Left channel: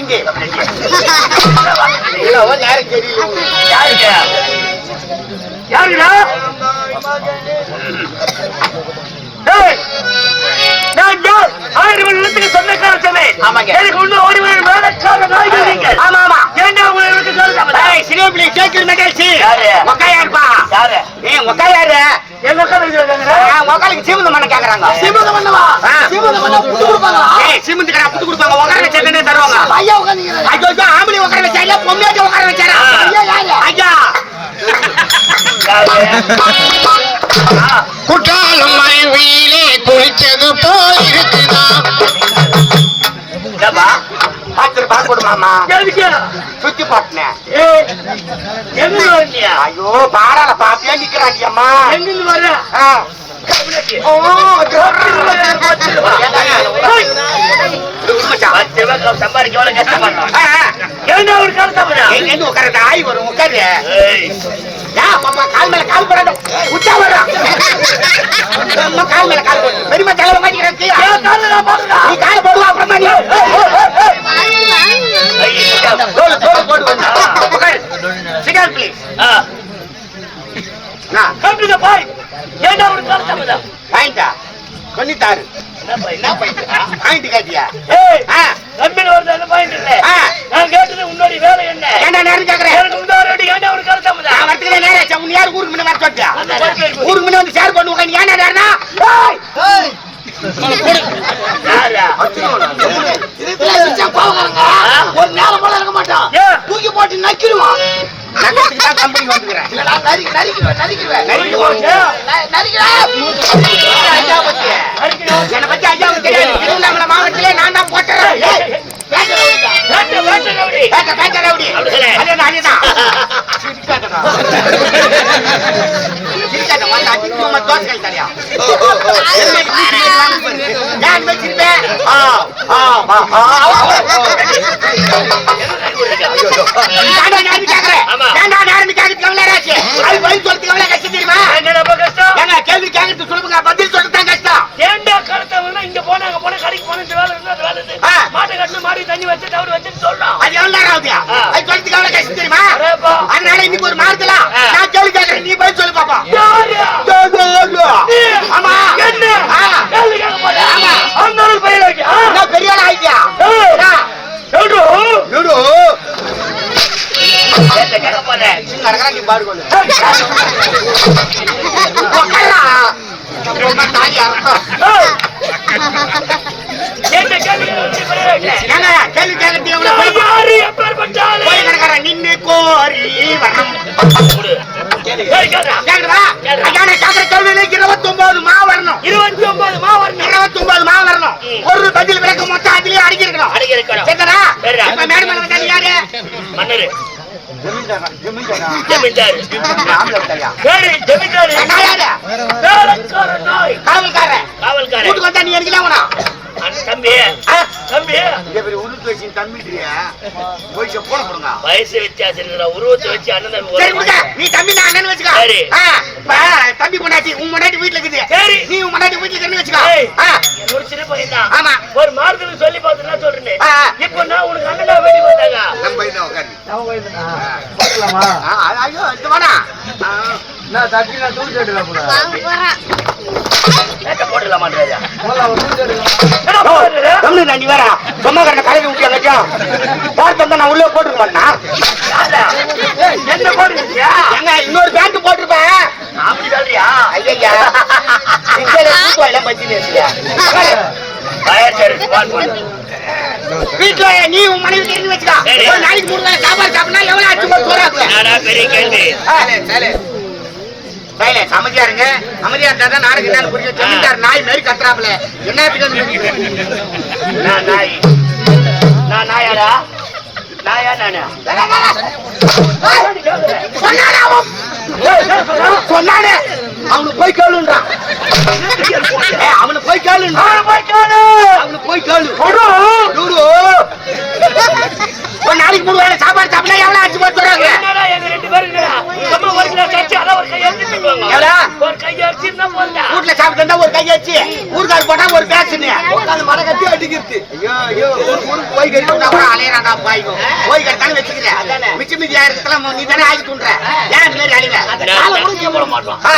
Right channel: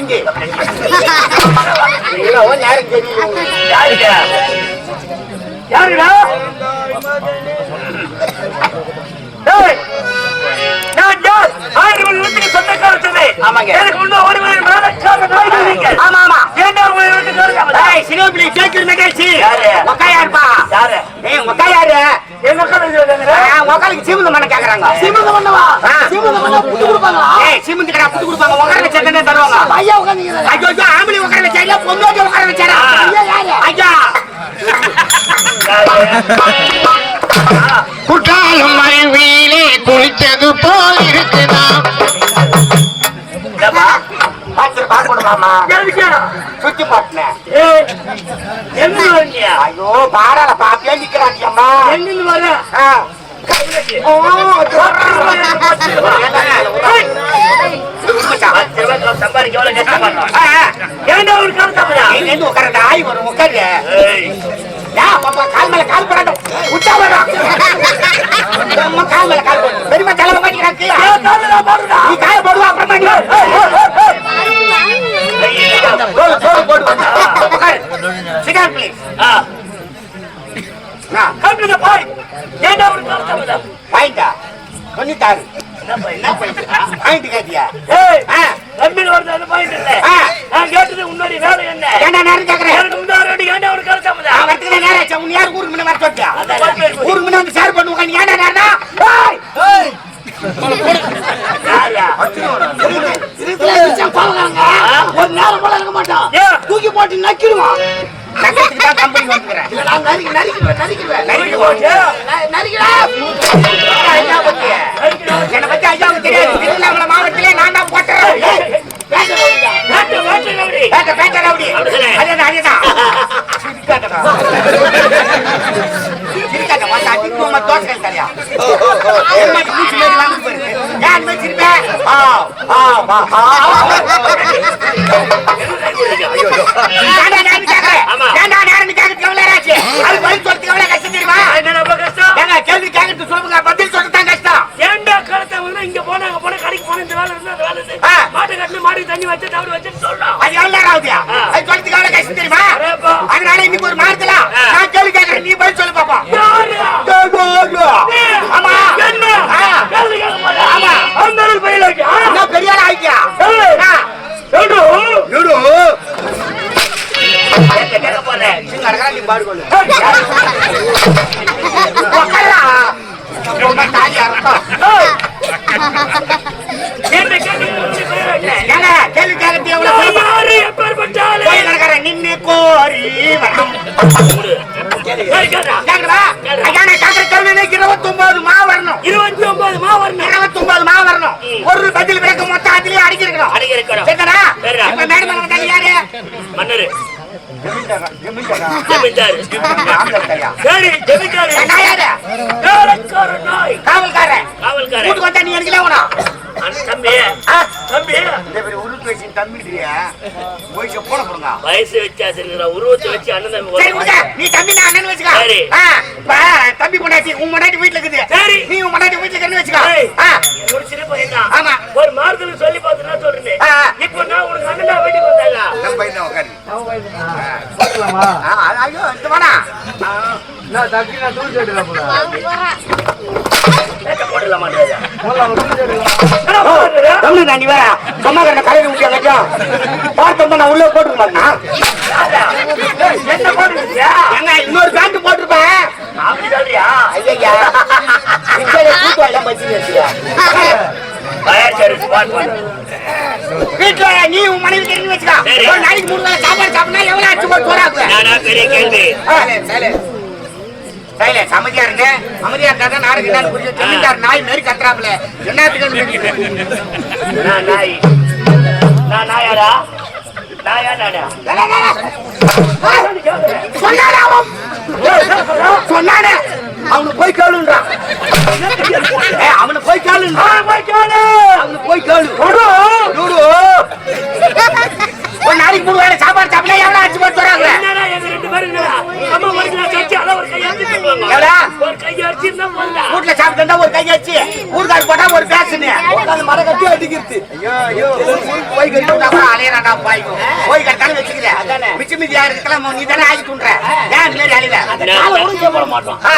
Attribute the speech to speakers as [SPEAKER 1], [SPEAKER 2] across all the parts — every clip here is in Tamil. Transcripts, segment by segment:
[SPEAKER 1] 真给了白
[SPEAKER 2] 菜 சினிமாப்ளி கேக்குற நிகழ்ச்சி
[SPEAKER 1] யாரு?
[SPEAKER 2] மொக்கையா இருப்பா
[SPEAKER 1] யாரு?
[SPEAKER 2] ஏய் மொக்கையாரு.
[SPEAKER 1] எங்க
[SPEAKER 2] மொக்காலுக்கு சீமந்த மண்ண கேக்குறாங்க.
[SPEAKER 3] சீமந்தம் பண்ணவா? சீமந்தம் பண்ணா புட்டு கொடுப்பாங்களா?
[SPEAKER 2] ஏய் சீமந்த கடை புட்டு கொடுப்பாங்க. உட்கார வச்சா தானே தருவாங்க.
[SPEAKER 3] ஐயா.
[SPEAKER 2] ஐயோ ஐயோ ஆம்பளை உட்கார பொண்ணாட்டி உட்கார வச்சாரா
[SPEAKER 3] ஐயா யாரு?
[SPEAKER 2] ஐயா.
[SPEAKER 4] குற்றாலம் அருவியிலே குளித்தது போல்
[SPEAKER 2] மாமா சுத்தி பாட்டுனேன் ஐயோ பாடால பாப்பே நிக்கிறாங்க அம்மா.
[SPEAKER 1] எங்கிருந்து வர கால
[SPEAKER 2] மேல கால் அம்மா கால் மாட்டிக்கிறாங்க. நீ கால் போடுவா அப்புறமா Sikar please.
[SPEAKER 1] Ah
[SPEAKER 2] ah,
[SPEAKER 1] come to the point என்ன
[SPEAKER 2] கேட்டியா?
[SPEAKER 1] ஏய்
[SPEAKER 2] ஆ,
[SPEAKER 1] நம்பின வருது அந்த பாயிண்ட் இல்ல
[SPEAKER 2] ஆ.
[SPEAKER 1] நான் கேட்டது உன்னோட வேலை என்ன
[SPEAKER 2] ஏன்டா நேரம் கேக்குறேன்?
[SPEAKER 1] எனக்கு இந்த ஒரு அடி ஏன்டா ஒரு கால தப்புடா
[SPEAKER 2] நான் வரதுக்குள்ள நேரம் ஆச்சா? உன்னை யாரு ஊருக்கு முன்ன வர
[SPEAKER 1] போய்
[SPEAKER 2] ஊருக்கு முன்ன வந்து share பண்ணுவாங்க. நீ? ஏய்!
[SPEAKER 3] ஒரு நேரம் போல இருக்க மாட்டான். தூக்கி போட்டு நக்கிடுவான்.
[SPEAKER 2] நகரத்துக்கு தான் company வந்துக்கிறேன்.
[SPEAKER 3] நான் நறுக்கி- நறுக்கிடுவேன், நறுக்கிடுவேன்.
[SPEAKER 2] நறுக்கிடுவோம்.
[SPEAKER 3] ந- நறுக்கிடுவேன்.
[SPEAKER 2] ஐயா பத்தி. என்னை பத்தி ஐயாவுக்கு தெரியாது. திருவண்ணாமலை மாவட்டத்திலே நான் தான் போட்டுறேன். ஏய், ஏன்டா நேரம் நேரம் ஆச்சு? அது பதில் சொல்றதுக்கு எவ்வளவு கஷ்டம் தெரியுமா?
[SPEAKER 1] என்னடா இப்ப கஷ்டம்?
[SPEAKER 2] ஏங்க, கேள்வி கேக்குறது சொல்லுங்க, பதில் சொல்றது தான் கஷ்டம்.
[SPEAKER 1] ஏன்டா காலத்தை வந்து இங்க போனா அங்க போனா கடைக்கு போனா இந்த வேலை இருந்தா அந்த வேலை இருந்து. மாட்டை கட்டணும் மாடி தண்ணி வச்சு தவிர வச்சுன்னு சொல்றோம்
[SPEAKER 2] அது எவ்வளவு நேரம் ஆகுது? அது சொல்றதுக்கு எவ்வளவு கஷ்டம் தெரியுமா? அதனால இன்னைக்கு ஒரு மாதத்துல
[SPEAKER 1] ஆ.
[SPEAKER 2] நான் கேள்வி கேக்குறேன் நீ பதில் சொல்லு பாப்பா? ஆமா
[SPEAKER 1] என்ன? கேட்க?
[SPEAKER 2] ஆமா.
[SPEAKER 1] அந்த ஆளு கேளுடா.
[SPEAKER 2] கேக்குதா? ஐயா, நான் கேக்குற கேள்வியில 29 மா வரணும்.
[SPEAKER 1] இருபத்தி ஒன்பது மா வரணும்
[SPEAKER 2] 29 மா வரணும். ஒரு பதில் விளக்கு மொத்தம் அதுலயே அடிக்கிருக்கணும்.
[SPEAKER 1] அடிக்க இருக்கணும்
[SPEAKER 2] சரிதானா?
[SPEAKER 1] சரிடா.
[SPEAKER 2] இப்ப மேடம் யாரு?
[SPEAKER 1] மன்னரு
[SPEAKER 2] காவல்காரன்.
[SPEAKER 1] காவல்காரன். தம்பி தம்பி
[SPEAKER 2] செப்போன போடுங்க.
[SPEAKER 1] வயசு இருக்குடா உருவத்தை வச்சு அண்ணன் தம்பி.
[SPEAKER 2] நீ தம்பி நான் அண்ணன் வச்சுக்க.
[SPEAKER 1] சரி.
[SPEAKER 2] தம்பி உன் பொண்டாட்டி வீட்டுல இருக்குது.
[SPEAKER 1] சரி.
[SPEAKER 2] நீ உன் பொண்டாட்டி வீட்டுல இருக்குன்னு வச்சுக்க.
[SPEAKER 1] ஒரு சின்ன பையன் தான்
[SPEAKER 2] ஆமா.
[SPEAKER 1] ஒரு மார்க்கெட் சொல்லி பார்த்துனா சொல்றேன்.
[SPEAKER 2] ஆ.
[SPEAKER 1] இப்போ நான் உனக்கு அண்ணனா வேண்டி வந்தாங்க.
[SPEAKER 2] நம்ம பையன் உட்காரு
[SPEAKER 5] பார்க்கலாமா?
[SPEAKER 2] ஆ, ஐயோ இந்த வேணா ஆ,
[SPEAKER 5] நான் தக்கி நான் தூள் சேட்டுல போறேன்.
[SPEAKER 2] சும்மா கண்ண கடையில் விட்டு எங்கச்சா பார்த்து நான் உள்ளே போட்டுக்க மாட்டேன் இன்னொரு பேண்ட் போட்டிருப்பேன். வீட்டுல நீ உன் மனைவி தெரிஞ்சு வச்சுக்க. நாளைக்கு மூணு சாப்பாடு சாப்பிட்டா எவ்வளவு ஆச்சு போட்டு போறாங்க
[SPEAKER 1] நானா பெரிய கேள்வி.
[SPEAKER 2] அமைதியா இருங்க. அமைதியா இருந்தா தான் நாளைக்கு என்னன்னு புரியும் ஜமீன்தார் நாய் மாதிரி கத்துறாப்ல
[SPEAKER 1] நான் நாய்? நான் நாயாடா? நாயா நானா
[SPEAKER 2] சொன்னானே அவன். போய் கேளுன்றான் ஏய், அவனுக்கு போய் அவனுக்கு போய் கேளு. டூடு. ஒரு நாளைக்கு மூணு வேளை சாப்பாடு சாப்பிட்டா எவ்வளவு ஆச்சு போட்டு வராங்க வீட்டுல சாப்பிட்டு ஒரு கை கையாச்சு ஊர்கார் போட்டா ஒரு பேசுனு உட்கார்ந்து மர கட்டி அடிக்கிறது ஐயோ ஐயோ. ஊருக்கு போய் கட்டி விட்டா கூட அலையறாடா பாய். போய் கட்டான வச்சுக்கிறேன் மிச்ச மீதி யாருக்கெல்லாம் நீ தானே ஆகி ஏன் இந்த மாதிரி அழிவ
[SPEAKER 1] நான் கூட போட மாட்டோம்.
[SPEAKER 2] ஆ,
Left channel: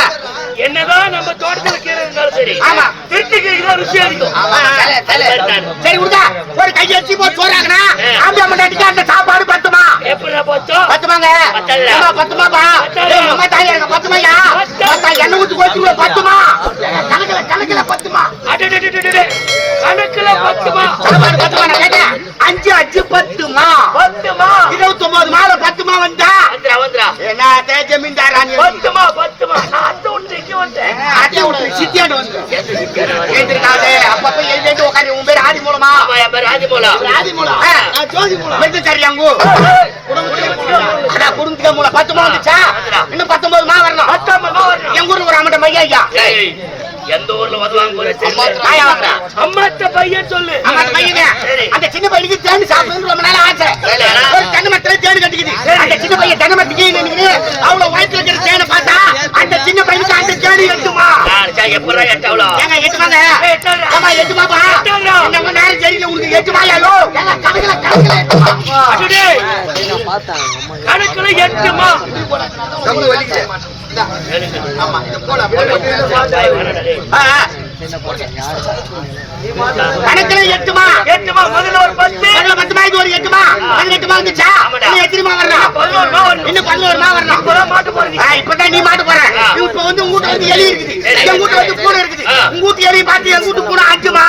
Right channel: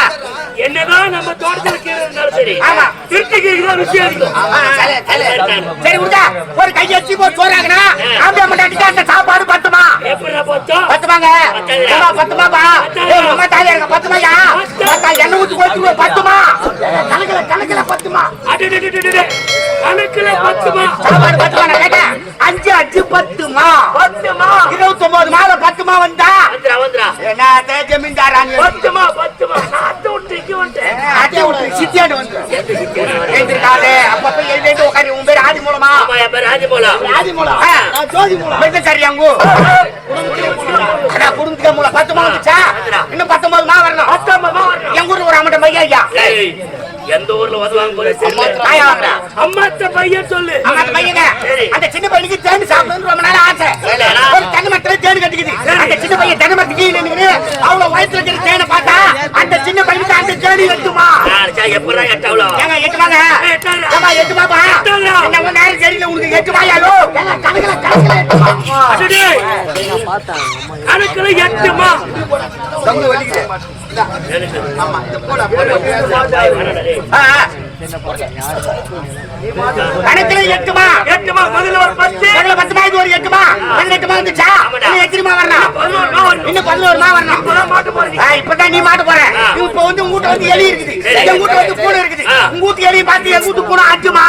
[SPEAKER 1] என்னதான் நம்ம தோட்டத்துல கீரை இருந்தாலும் சரி
[SPEAKER 2] ஆமா.
[SPEAKER 1] திருட்டு கீரை தான் ருசியா இருக்கும்
[SPEAKER 2] சரி, ஒரு கையாச்சு போய் சோறாங்கனா ஆம்பியா மண்டாட்டிக்கு அந்த சாப்பாடு பத்துமா? பத்துமாங்க. பத்துமாப்பா. தாயே எனக்கு பத்துமாயா? பத்தா எண்ணெய் ஊத்தி கோச்சு பத்துமா? கணக்குல கணக்குல பத்துமா?
[SPEAKER 1] அடடடடடட. கணக்குல பத்துமா?
[SPEAKER 2] சாப்பாடு பத்துமா? நான் கேட்டேன். அஞ்சு அஞ்சு பத்துமா? பத்துமா? இருபத்தி ஒன்பது மாலை பத்துமா வந்தா? என்ன ஜமீன்தார்
[SPEAKER 1] பத்துமா பத்துமா? அத்தை விட்டு
[SPEAKER 2] சித்தியோட வந்து அப்பப்ப ஆதி மூலமா?
[SPEAKER 1] ஆமா என் பேர் ராஜமோலா
[SPEAKER 2] ஆதி மூலம். நான் ஜோதி மூலம். மெத்த சரியாங்கு அதான் குடும்பத்துக்கு மூலம். பத்து மா வந்துச்சா? இன்னும் பத்தொன்பது மா வரணும். எங்க ஊர்ல ஒரு அம்மட்ட மையா ஐயா?
[SPEAKER 1] ஏய், எந்த ஊர்ல. அம்மாத்த பையன் சொல்லு.
[SPEAKER 2] பையனை, அந்த சின்ன பையனுக்கு தேன் சாப்பிடணும்னு ரொம்ப நாள் ஆசை. ஒரு தென்னை மரத்துல தேன் கட்டிக்குது. அந்த சின்ன பையன் தென்னை மரத்துக்கு அவ்வளவு வயித்துல இருக்கிற தேனை பார்த்தா, தேனு எட்டுமா?
[SPEAKER 1] எப்படா எட்டாவளா
[SPEAKER 2] ஏங்க, எட்டுமாங்க? ஏம்மா, எட்டுமாப்பா?
[SPEAKER 1] எட்டுடா.
[SPEAKER 2] என்ன கொஞ்ச நேரம் தெரியல, உனக்கு எட்டுமாயாலோ? ஏங்க, கணக்குல, கணக்குல எட்டுமா?
[SPEAKER 1] அடடே,
[SPEAKER 5] நான் பார்த்தாங்க அம்மா
[SPEAKER 1] கணக்குல எட்டுமா
[SPEAKER 2] கம்பு வலிக்குது. ஆமா, போடு, போடு.
[SPEAKER 5] யாரு
[SPEAKER 2] கணக்குல எட்டுமா?
[SPEAKER 1] எட்டுமா முதல்ல ஒரு பத்து
[SPEAKER 2] முதல்ல பத்து ஒரு எட்டுமா? பதினெட்டுமா வந்துச்சா? இன்னும் எத்தனைமா வரணும்?
[SPEAKER 1] வரணும்.
[SPEAKER 2] இன்னும்.
[SPEAKER 1] இப்பதான் மாட்டு
[SPEAKER 2] நீ போற. இப்ப வந்து உங்க வீட்டுல வந்து எலி இருக்குது
[SPEAKER 1] சரி.
[SPEAKER 2] எங்க வீட்டுல வந்து பூனை இருக்குது. உங்க வீட்டு எலியை பார்த்து எங்க வீட்டு பூனை அஞ்சுமா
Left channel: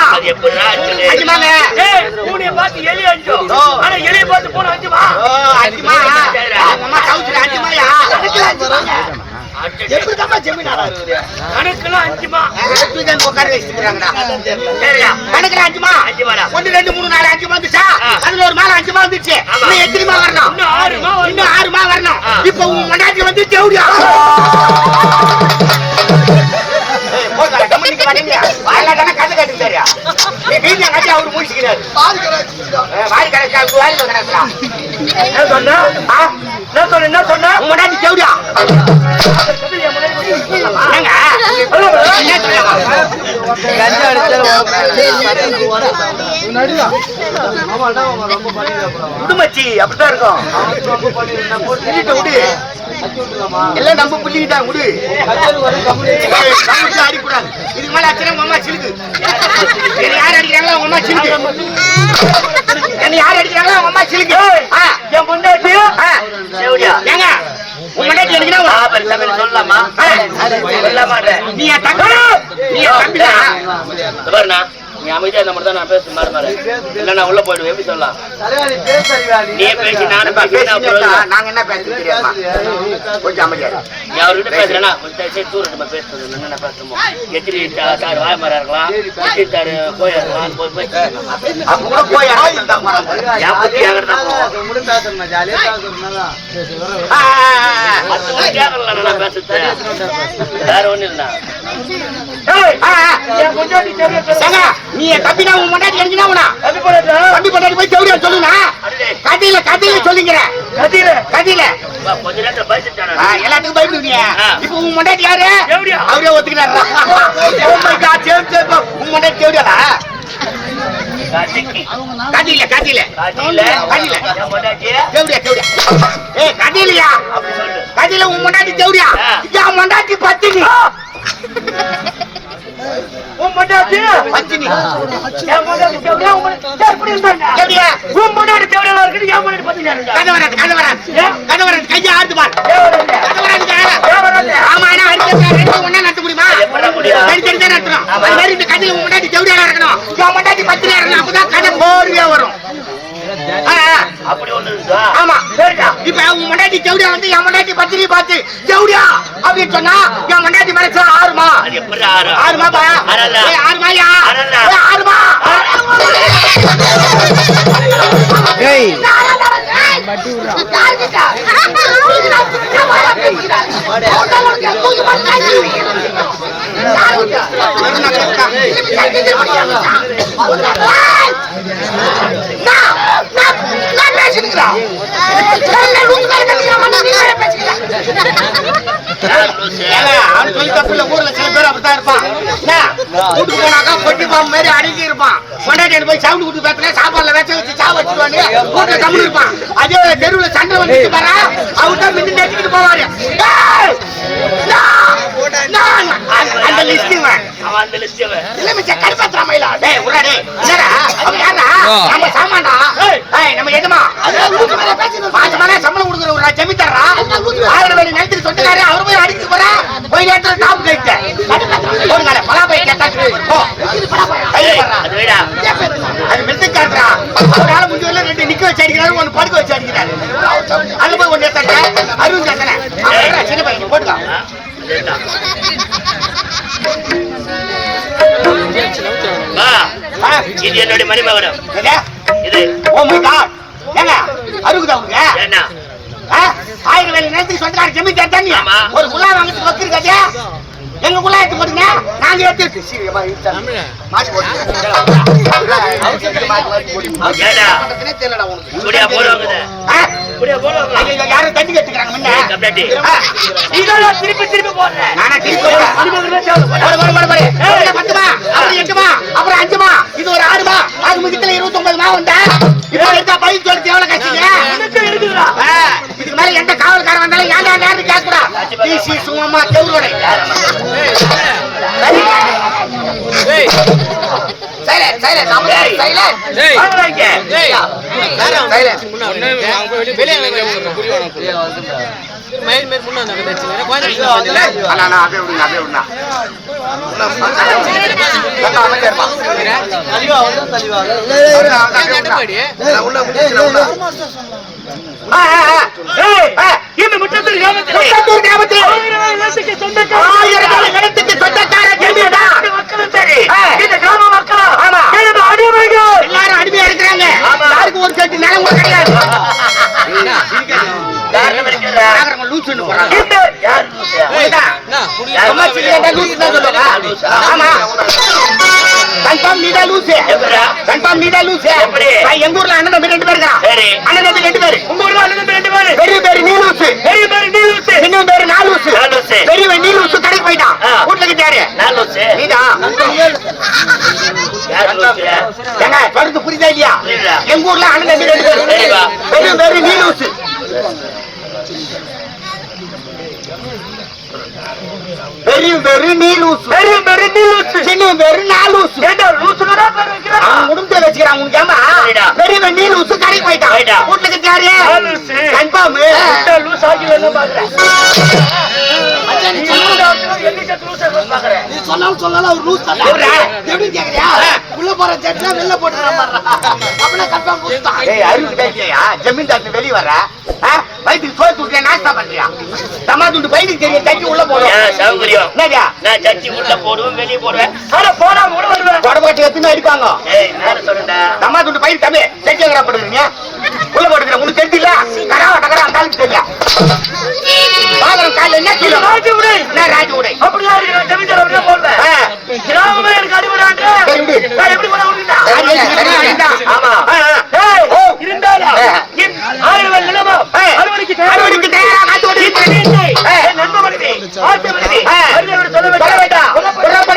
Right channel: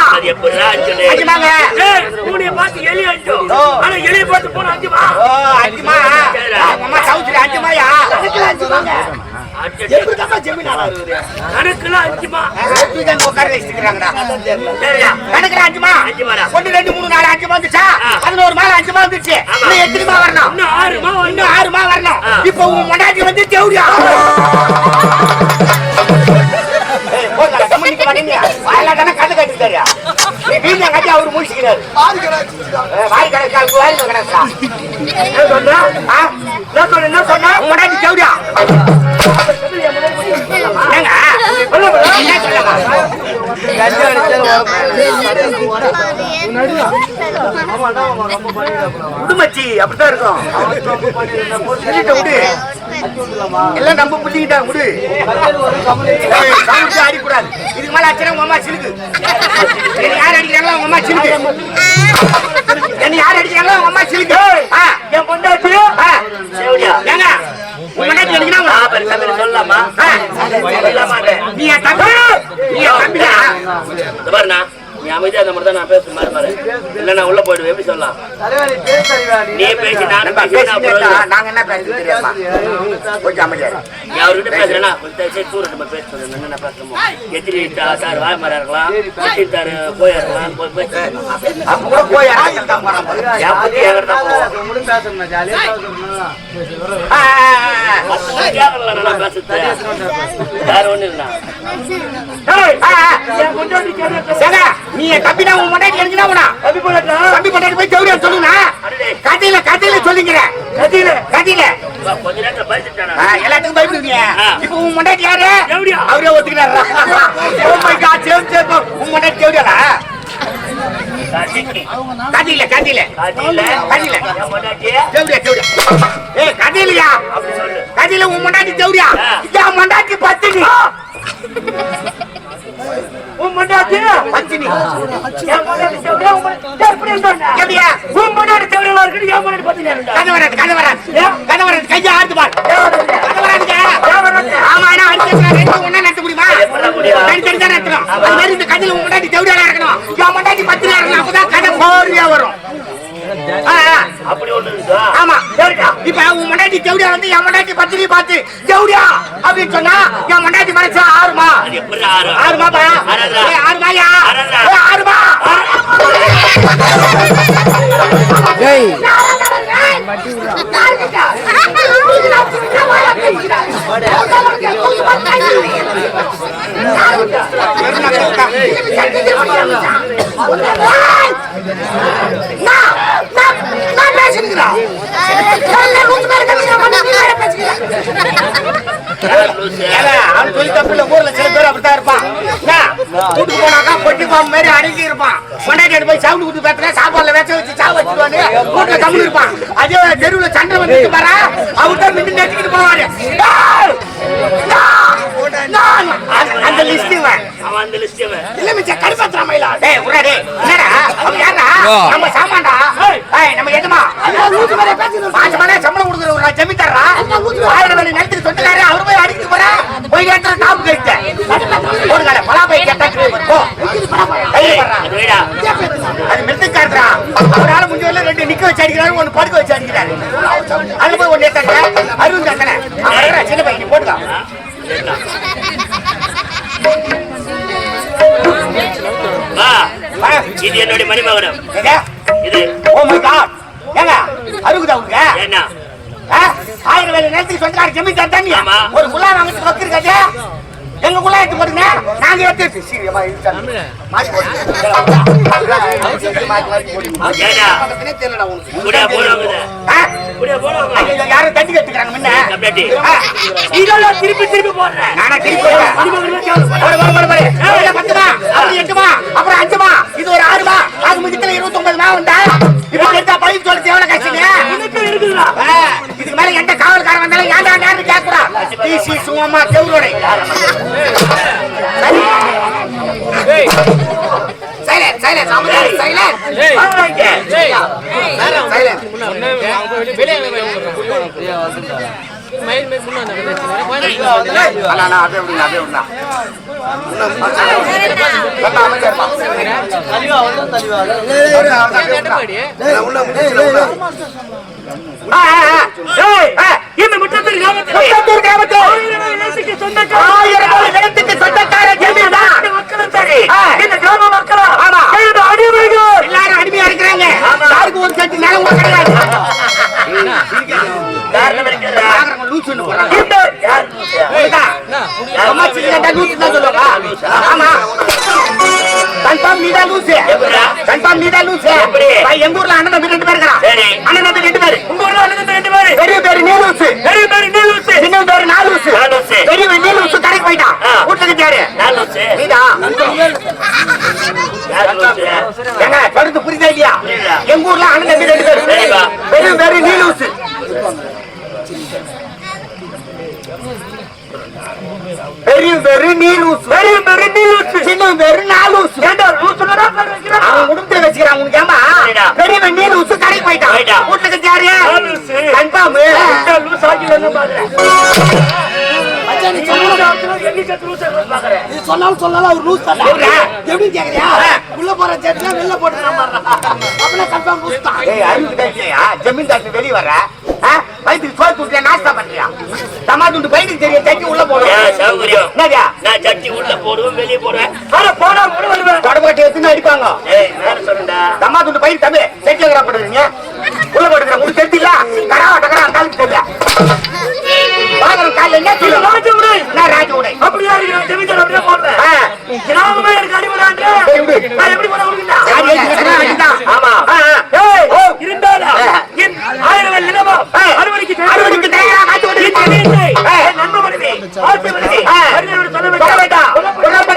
[SPEAKER 2] அஞ்சுமாங்க
[SPEAKER 1] பூனைய பார்த்து எலி. ஆனா பார்த்து போன அஞ்சுமா
[SPEAKER 2] அஞ்சுமா அம்மா அஞ்சுமாயா அஞ்சுமாங்க எப்படி தான் ஜமீன்
[SPEAKER 1] கணக்குல அஞ்சுமா?
[SPEAKER 2] உட்கார வச்சுக்கிறாங்கடா? சரியா? கணக்குல அஞ்சுமா?
[SPEAKER 1] அஞ்சுமாடா.
[SPEAKER 2] ஒண்ணு ரெண்டு மூணு நாலு அஞ்சு வந்துச்சா?
[SPEAKER 1] ஆ.
[SPEAKER 2] பதினோரு மேல அஞ்சுமா வந்துச்சு.
[SPEAKER 1] ஆமா.
[SPEAKER 2] இன்னும் எத்தனைமா வரணும்?
[SPEAKER 1] இன்னும் ஆறுமா வரணும்.
[SPEAKER 2] இன்னும் ஆறுமா வரணும்.
[SPEAKER 1] ஆ.
[SPEAKER 2] இப்போ மண்டாட்டி வந்து தேவடியா கதை. கட்டுட்டாரு வீட்டுல கட்டி அவரு முடிச்சுக்கிறாரு வாய் வாய்
[SPEAKER 1] என்ன சொன்ன? என்ன சொன்ன? முன்னாடி சொன்ன?
[SPEAKER 5] கஞ்சா மாமா மாமா
[SPEAKER 2] எல்லாம் நம்ம
[SPEAKER 5] கம்மி
[SPEAKER 2] சாமிக்கு அடிக்கூடாது. இதுக்கு மேல அடிச்சா உங்க அம்மா சிலுக்கு. யார் அடிக்கிறாங்களோ அம்மா சிலுக்கு. யார் அடிக்கிறாங்களோ அம்மா சிலுக்கு ஆ,
[SPEAKER 1] என் பொண்டாட்டி
[SPEAKER 2] ஆ. ஏங்க உங்க முன்னாடி அடிக்கணும்
[SPEAKER 1] ஆ, பெருசா பெருசா சொல்லலாமா சொல்ல மாட்டேன்
[SPEAKER 2] நீ நீ
[SPEAKER 1] அமைதியா இந்த மாதிரி தான் நான் பேசுற மாதிரி பாரு. இல்ல நான் உள்ள போயிடுவேன். எப்படி சொல்லலாம்?
[SPEAKER 5] நீ? பேச
[SPEAKER 1] பேசி நானும் பேசி
[SPEAKER 2] நாங்க என்ன.
[SPEAKER 1] நீ அவர்கிட்ட பேசுறேன்னா கொஞ்சம் தூரம் நம்ம பேசுறது. என்ன பேசணுமோ எத்திரி சார் வாய மாதிரி இருக்கலாம். எத்திரி சார் போய் இருக்கலாம் போய்
[SPEAKER 5] பேசணும்
[SPEAKER 1] வேற ஒண்ணும் இல்லைண்ணா.
[SPEAKER 2] நீ தம்பிடா, உன் முன்னாடி அடிக்கணும் உன்னை. தம்பி கொண்டாடி போய் ஜவுரியா சொல்லுங்க கதையில கதையில சொல்லிக்கிற கதையில? கதையில. எல்லாத்துக்கும் பயப்படுவீங்க. இப்போ உன் முன்னாடி யாரு. அவரே ஒத்துக்கிறாரா சரி, சரி, போ. உன் ஜவுரியாடா
[SPEAKER 1] காட்டிக்கு
[SPEAKER 2] கதையில கதையில கதையில ஜவுரியா ஜவுரியா ஏய் கதையிலயா கதையில உன் ஜவுரியா
[SPEAKER 1] ஆ.
[SPEAKER 2] என் முன்னாடி பத்தினி.
[SPEAKER 1] உன் பொண்டாட்டி
[SPEAKER 2] பத்தினி
[SPEAKER 1] என் பொண்டாட்டி செவரா, உன் பொண்டாட்டி?
[SPEAKER 2] எப்படியா
[SPEAKER 1] உன் பொண்டாட்டி இருக்குது, என் பொண்டாட்டி
[SPEAKER 2] கையை ஆடுது பாரு. கதை வராதுங்க ஆமா ஏன்னா ரெண்டு ரெண்டு ஒண்ணா நடத்த முடியுமா? சரி சரி தான் நடத்தணும் அது மாதிரி இந்த கதையில உன் முன்னாடி ஜவுரியா நடக்கணும் என் முன்னாடி பத்தினி வரணும் அப்பதான் கதை போர்வையா வரும்.
[SPEAKER 1] அப்படி ஒண்ணு
[SPEAKER 2] ஆமா இப்ப உன் முன்னாடி ஜவுடியா வந்து என் முன்னாடி பத்தினி பார்த்து ஜவுடியா அப்படின்னு சொன்னா என் முன்னாடி ஆறுமா ஆறுமாயா ஏய், ஊர்ல சில பேர் அப்படித்தான் இருப்பான் என்ன? வீட்டுக்கு போனாக்கா கொட்டி பாம்பு மாதிரி அடங்கி இருப்பான் கொண்டாடி போய் சவுண்ட் கொடுத்து கத்துனா சாப்பாடுல வச்ச வச்சு சாவ வச்சுருவாங்க வீட்டுல தமிழ் இருப்பான் அதே தெருவுல சண்டை வந்து பாரா அவர் தான் மிந்தி நட்டிக்கிட்டு போவாரு டேய்! அந்த- அந்த லிஸ்டிங்
[SPEAKER 1] அவன் அந்த லிஸ்ட்
[SPEAKER 2] இல்ல மிச்ச கருப்பத்ரா மயிலா? டேய் உடா டேய் என்னடா? அவன் யாரா நம்ம சாமான்டா? ஏய். நம்ம மேல பேசி பாஞ்சு மணி சம்பளம் கொடுக்குற ஒரு ஜமீன்தாரா ஆயிரம் வழி நிலத்துக்கு சொந்தக்காரு அவர் போய் அடிக்க போறா. போய் இடத்துல டாப் கைட்டு. போடுங்க பலா போய் கேட்டா போ.
[SPEAKER 1] ஏய், அது
[SPEAKER 2] மிருத்துக்காரா அவரால முடிஞ்ச வரல ரெண்டு நிக்க வச்சு அடிக்கிறாரு ஒன்னு படுக்க வச்சு அடிக்கிறாரு. அது போய் ஒன்னு சின்ன பையன் போட்டுக்கா.
[SPEAKER 1] வா. இது என்னுடைய மணிமகுடம்.
[SPEAKER 2] என்ன?
[SPEAKER 1] இது.
[SPEAKER 2] ஓ மை காட் ஏங்க அருகுதா உங்க
[SPEAKER 1] என்ன?
[SPEAKER 2] ஆயிரம் வேலை நேரத்துக்கு சொந்தக்கார ஜமீன் தண்ணி. ஒரு குள்ளா வாங்கிட்டு வச்சிருக்காச்சு எங்க குள்ளா எடுத்து போடுங்க நாங்க எடுத்து சீரியமா யாரும் தண்ணி கட்டுக்கிறாங்க முன்ன.
[SPEAKER 1] திருப்பி திருப்பி போடுறேன்.
[SPEAKER 2] நானே திருப்பி பத்துமா, அப்புறம் எட்டுமா, அப்புறம் அஞ்சுமா, இது ஒரு ஆறுமா, அது மிச்சத்துல இருபத்தொன்பது மா வந்தா, இப்ப எடுத்தா பதினஞ்சு வருஷம் எவ்வளவு கஷ்டங்க? ஆ, இதுக்கு மேல எந்த காவல்காரன் வந்தாலும் ஏன்டா நேரம் கேட்கக்கூடாது. டிசி சும்மா கெவுரோடை.
[SPEAKER 5] தலிவா தலிவா.
[SPEAKER 1] இந்த முற்றத்தில் கிராமத்தில்
[SPEAKER 2] முத்தத்தூர்
[SPEAKER 1] சொந்தக்கார இந்த கிராம அடிமைகள்
[SPEAKER 2] எல்லாரும் அடிமையா இருக்கிறாங்க யாருக்கும் ஒரு நிலம் கிடையாது போறாங்க கன்ஃபார்ம் நீதான் லூசு. கன்ஃபார்ம் நீதான் லூசு. நான் எங்க ஊர்ல அண்ணன் தம்பி ரெண்டு பேர் இருக்கிறான்.
[SPEAKER 1] சரி.
[SPEAKER 2] அண்ணன் தம்பி ரெண்டு பேரு.
[SPEAKER 1] உங்க ஊர்ல அண்ணன் ரெண்டு பேரு
[SPEAKER 2] பெரிய பேரு நீ லூசு.
[SPEAKER 1] பெரிய பெரிய நீ ஊத்து
[SPEAKER 2] சின்னவன் பேரு நான் லூசு.
[SPEAKER 1] லூசு.
[SPEAKER 2] பெரியவன் நீ லூசு கடைக்கு போயிட்டான்.
[SPEAKER 1] நான் லூசு லூசு
[SPEAKER 2] புரியுதா இல்லையா? எங்க ஊர்ல அண்ணன் தம்பி ரெண்டு பேரு. பெரிய பேரு நீ லூசு. பெரிய பேரு நீ லூசு.
[SPEAKER 1] பெரிய பெரிய நீ லூசு
[SPEAKER 2] சின்னவன் பேரு நான் லூசு.
[SPEAKER 1] ஏண்டா பேர் வைக்கிறான்.
[SPEAKER 2] அவன் குடும்பத்தை வச்சுக்கிறான் உனக்கு ஏமா. பெரியவன் நீ லூசு கடைக்கு போயிட்டான். வீட்டுக்கு.
[SPEAKER 1] நான் லூசு.
[SPEAKER 2] கன்ஃபார்ம்
[SPEAKER 1] இந்த லூசு ஆகி வந்து பாக்குறேன் நீ லூசு லூசு
[SPEAKER 3] சொன்னாலும் சொல்லலாம் அவர் லூஸ் தான்
[SPEAKER 2] எப்படிடா?
[SPEAKER 3] எப்படி கேக்குறியா உள்ள போற வெளில போட்டு அப்படியே கன்ஃபார்ம்
[SPEAKER 2] ஜமீன் தாக்கு வெளிய வர வயிற்றுக்கு சோறு துட்டியா நாஸ்தா பண்றியா? தம்மா துண்டு வயிற்றுக்கு தெரிய தட்டி உள்ள என்னடியா
[SPEAKER 1] நான் சட்டி உள்ள போடுவேன் வெளியே போடுவேன். போனா கூட வருவேன்
[SPEAKER 2] தொடர்பட்டு எத்தனை இருக்காங்க?
[SPEAKER 1] ஏய் நேர சொல்லுடா.
[SPEAKER 2] தம்மா துண்டு பயிர் தம்பி செட்டி வைக்கிறா போடுறீங்க? உள்ள போடுங்க உங்களுக்கு தெரியல கடா டகரா இருந்தாலும் தெரியல சொல்ல
[SPEAKER 1] வேண்டாம்.